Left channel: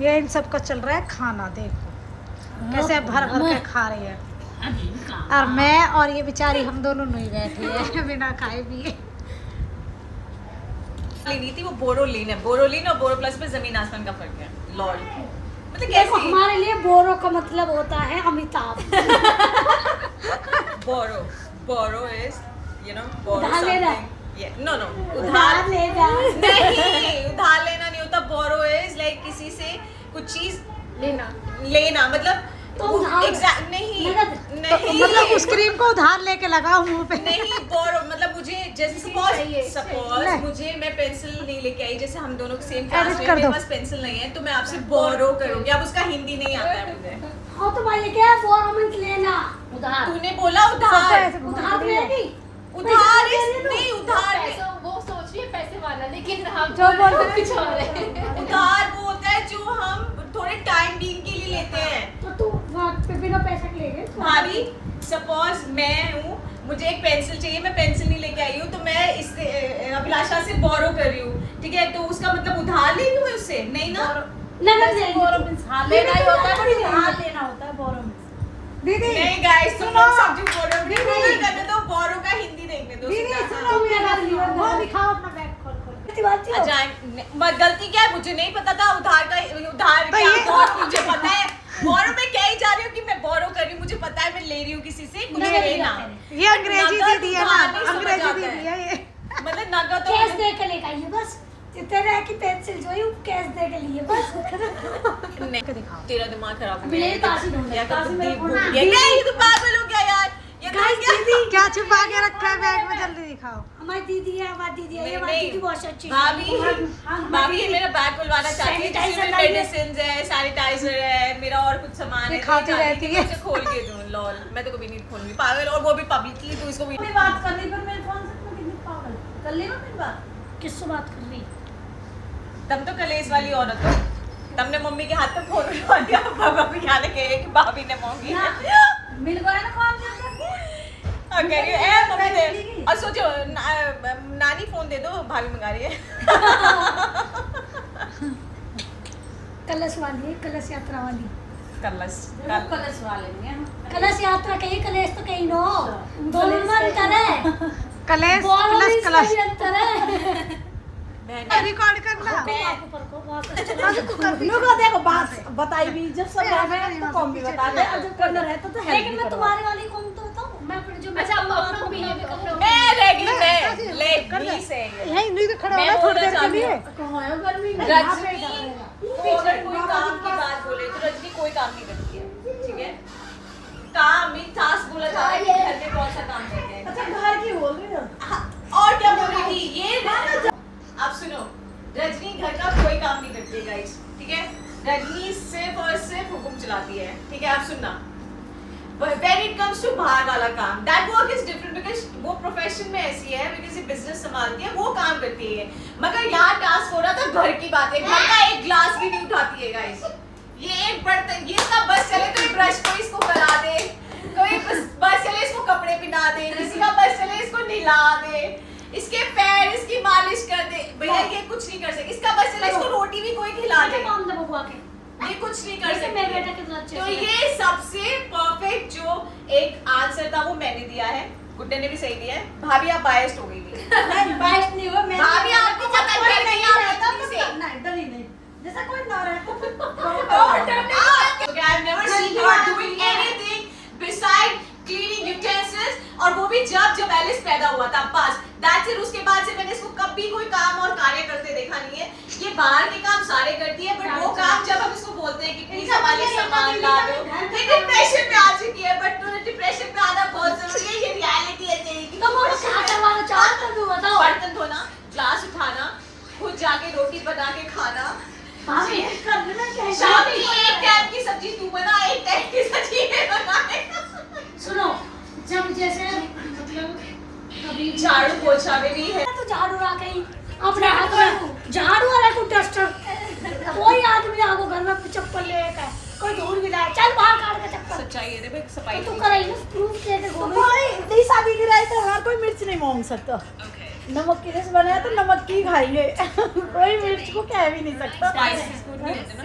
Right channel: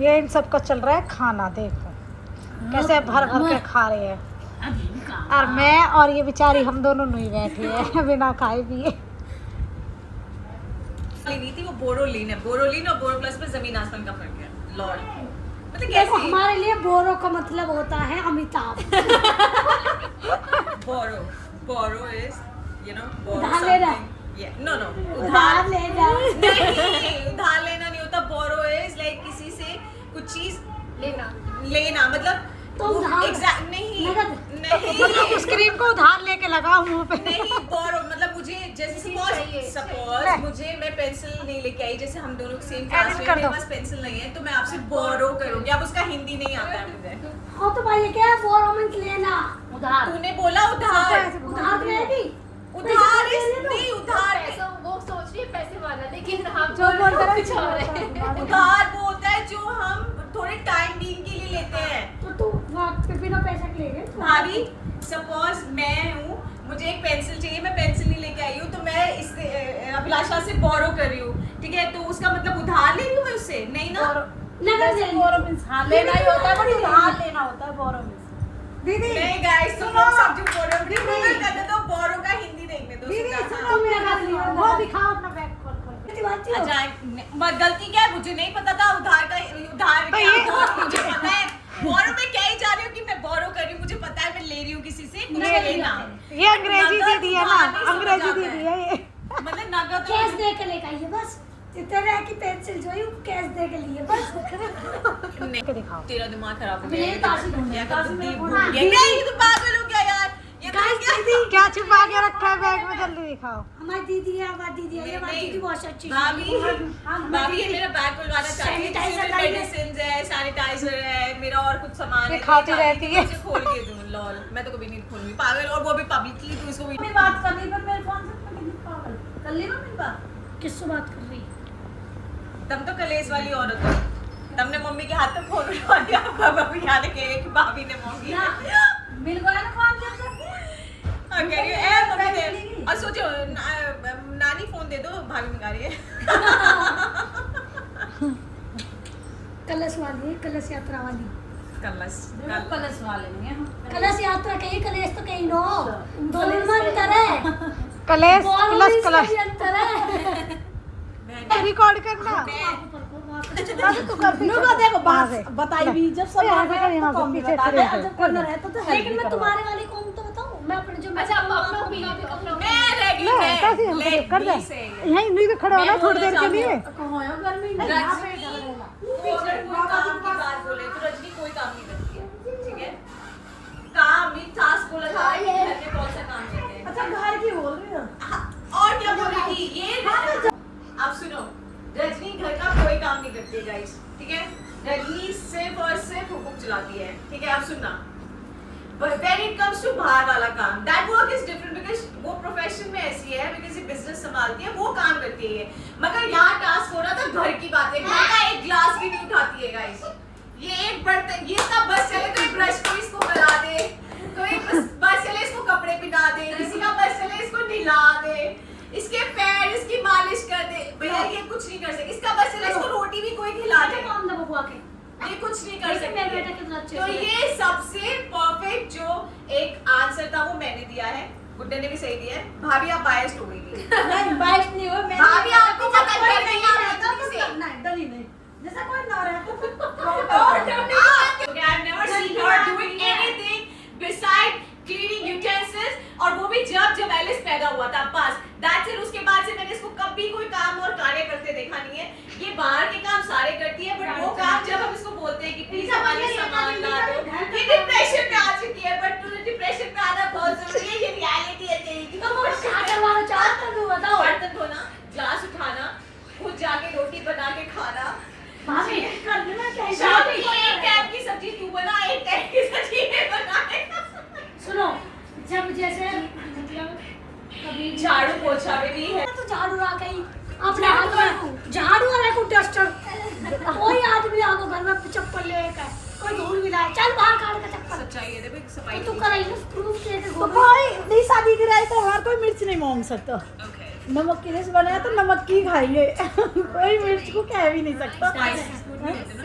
ये इन सबका चल रहा है खाना, देखो कैसे भर भर के खा रही है। और मैं और ये बेचारी हम दोनों नहीं बैठे हैं बिना खाए पिए। लेनी थी वो बोरोलीन है, बोरोलीन और बोरो प्लस में जमीन आसमान का फर्क है। लॉल मतलब देखो कैसे? हमारे लिए बोरो का मतलब होता है अमिताभ। बोरो, बोरो इज यू नो बोरो उधार लेना। नो नो उधार लेना नहीं, उधार लेना नहीं होता। बोरो इज लाइक किसी से कुछ चीज लेना मतलब तो उधार एग्जैक्ट नहीं नगद। नहीं मतलब उस क्रीम को उधार लेके लगाओ मुंह पे। नहीं बोरो मतलब मुझे जैसे सपोज मुझे मैं पेंसिल नहीं लेके आई, जैसे हम दोनों सेम क्लास में, मेरे पास पेंसिल नहीं है तो मैं आपसे बोरो करूंगी। अब उसका हिंदी नहीं आता है मुझे। हाँ तो भाई ये क्या है, बोरो मीन्स लेना। उधार तूने बोला उधार, उधार लेगी उधार पैसे नहीं उधार पैसे वो सोच रही है पैसे वाला, लेकिन हम जो बोल रहे हैं कुछ और है। उधार वो होता है जो हम थोड़े टाइम बीइंग के लिए लेते हैं। तो तू वहाँ पे बिना पैसा के ले गई भाभी सपोज मैं हूँ, मुझे एक पेंसिल चाहिए, मैं पेंसिल नहीं लेके आई हूँ तो मैं इससे अभिलाषा से बोरो कर रही हूँ, ठीक है? तो उसका मतलब उधार ले रही हूँ मैं उससे, नहीं ना? नगद ले बोरो मीन्स हाँ लेना ही होता है, बट उधार लेना होता है बोरो मीन्स। दीदी नहीं गाइस तुम लोग सब जो बोरो गूगल करने दो, बोरो का हिंदी देखने दो। दीदी सीधा, सुनो, हाँ। मेरा वो दिखाओ अपना बैग खोल खोल के। अच्छा गलती क्या है, मुझे नहीं पता था उधार का उधार तो क्या ये- बोरो मुझे पता है। बोरो में क्या ही जा रही हूँ कि मैं बोरो कर रही हूँ, मुझे पता है मैं ले रही हूँ किसी से कुछ लेना। ये अंग्रेजी नगद दीदी है ना, उधार नहीं समझ अंग्रेजी आता दीदी है ये। मतलब नगद तो कैश दे के लेके आई है बस। तेरे की पेंसिल जो है वो कैश दे के लिए बस। नहीं। के दिखाओ। तेरा दिमाग खराब हो ब्लेड काशी ढूंढ गया। रहा है, काशी में बुद्धि ढूंढ भूल रहा है। गया। नहीं, तू पागल हो गया यार। ये गाइस, क्या? दीदी क्या छुपा के रखा है बैग में, जल्दी दिखाओ। हमारी दीदी है, हमारी दीदी है, ये हमारी नहीं, दीदी बहुत अच्छी है। भाभी भाभी ये मेरा बैग खुलवाना चाहती है, Sanitizer जिसमें लाइए। मेडिसिन है, सैनिटाइजर है, मेरा और कुछ सामान ये है। खाती मैं रहती चाहती है। कि मैं उसे खोल के दूं। लॉल मैं तो कभी नहीं खोलूंगी, पागल, और वो भी पब्लिकली। तू इसको भी मैं बात कर रही पर मेरे फोन से मैं कितनी पागल कर ली मेरी बात। किससे बात कर रही? तुम तो कलेश वाली औरत हो। तुमने मम्मी के हाथ पे फोन उठा दिया, भाभी यहाँ के कि भाभी ने मांगी। मिल गया ना काम जब तक। और कह रही है, ए मम्मी दे, और सोचो नानी फोन दे दो, भाभी मंगा रही है। कलश वाली है, कलश यात्रा वाली। कलश कलश वाले हैं हम। कलश यात्रा कहीं, कलेश तो कहीं नो। दोनों में अंतर है। कलेश बोरो प्लस मीन्स कलश। में भी अंतर है। रिकॉर्ड करना। अभी तू कर मेरे को देखो बात बताई भी जब सब यहाँ आ से गए यहाँ तो कम भी से बता दे, और जब करना रहता तो हेल्प लेकिन भी मैं करवा। तुम्हारे वाली कौन तो बताऊं, मैं अपने जो मैं अपना ओपिनियन भी कर लो। मैं रहेगी, कैसे मैं हम ले कर भी दें? से यहीं नहीं तो खड़ा मैं होना थोड़ी देर बोलना के लिए। कहाँ है गर्मी में? यहाँ पे रजनी डालेगा। तू अगर कोई काम की बात बोले तो रजनी कोई काम नहीं करती है, ठीक है? काम ही टास्क बोला जा रहा है कि घर में कौन सा काम करते हैं। अच्छा घर की बोल रही हो? हाँ, और क्या बोल रही थी ये? आप सुनो, रजनी घर का कोई काम नहीं करती है गाइस, ठीक है? रजनी सिर्फ और सिर्फ हुक्म चलाती है, ठीक है? आप सुनना, when it comes to बाहर वाला काम, that work is different because वो प्रोफेशन में ऐसी है, because ये बिजनेस संभालती है, वो काम करती है। मगर यहाँ टास्क हो रहा था घर की बात है, घर का एक ग्लास भी नहीं उठाती है गाइस। ये एक बर्तन, ये सब बस चले तो ब्रश को इसको करा दे, कोई बस चले इसको कपड़े पहना दे, किसी का बस चले इसको नहला दे, इसके पैर इसकी मालिश कर दे। भैया ये कुछ नहीं कर सकती, इसका बस चले इसको रोटी भी कोई खिला दे, काम दे बबुआ के। ये कुछ नहीं कर जैसे सकती। मेरा बेटा कितना अच्छे तो से ये सबसे परफेक्ट जो एक आंसर था वो मैंने दिया है, गुड्डे ने भी सही दिया है। भाभी आप बायस्ड हो गई थी। नहीं बाइक नहीं हो, मैं भाभी आपको पता कोई नहीं नहीं आप रहता इतनी तो से- करना है, डर ही नहीं। जैसा कोई ना रहता तो Okay, I've never seen her doing anything beside cleaning utensils, और वो भी जब एलिस पैदा हुआ था बस। That's it। उसके बाद से मैंने इसको कभी कोई काम और कार्य करते देखा नहीं है। ये बाहर के काम सारे करती है, बट वो काम जब हम इसको बोलते हैं कि प्लीज हमारे लिए सामान ला दो, ये डिप्रेशन में आ चुकी है। बट तूने डिप्रेशन में आना बहुत जरूरी है, ये रियलिटी है तेरी। तो मैं क्या करवाना चाहता हूँ बताओ। बर्तन धोना, ग्लास उठाना, खुद जाके रोटी बना के खाना, भाभी करने में क्या है? शाम की एक टाइम की सब्जी तू बना, एक टाइम की सब्जी मैं बनाए। सुनो, जब जैसे मतलब कभी झाड़ू पोछा में भी है। तो झाड़ू आ गई अपने हाथ में, झाड़ू आ रहा है डस्टर, कोई आदमी आगो घर में चप्पल लेकर, कोई धूल मिलाए, चल बाहर काट के चप्पल। सच्चाई है, देखो सफाई तो तू करे ना प्रूफ लेके घूम। नहीं शादी की राय तो हर कोई मिर्च नहीं मांग सकता। ओके नमक की डिश बनाया तो नमक की खाएंगे कोई मिर्च को कह भी नहीं सकता स्पाइसेस अच्छे नहीं होते ना।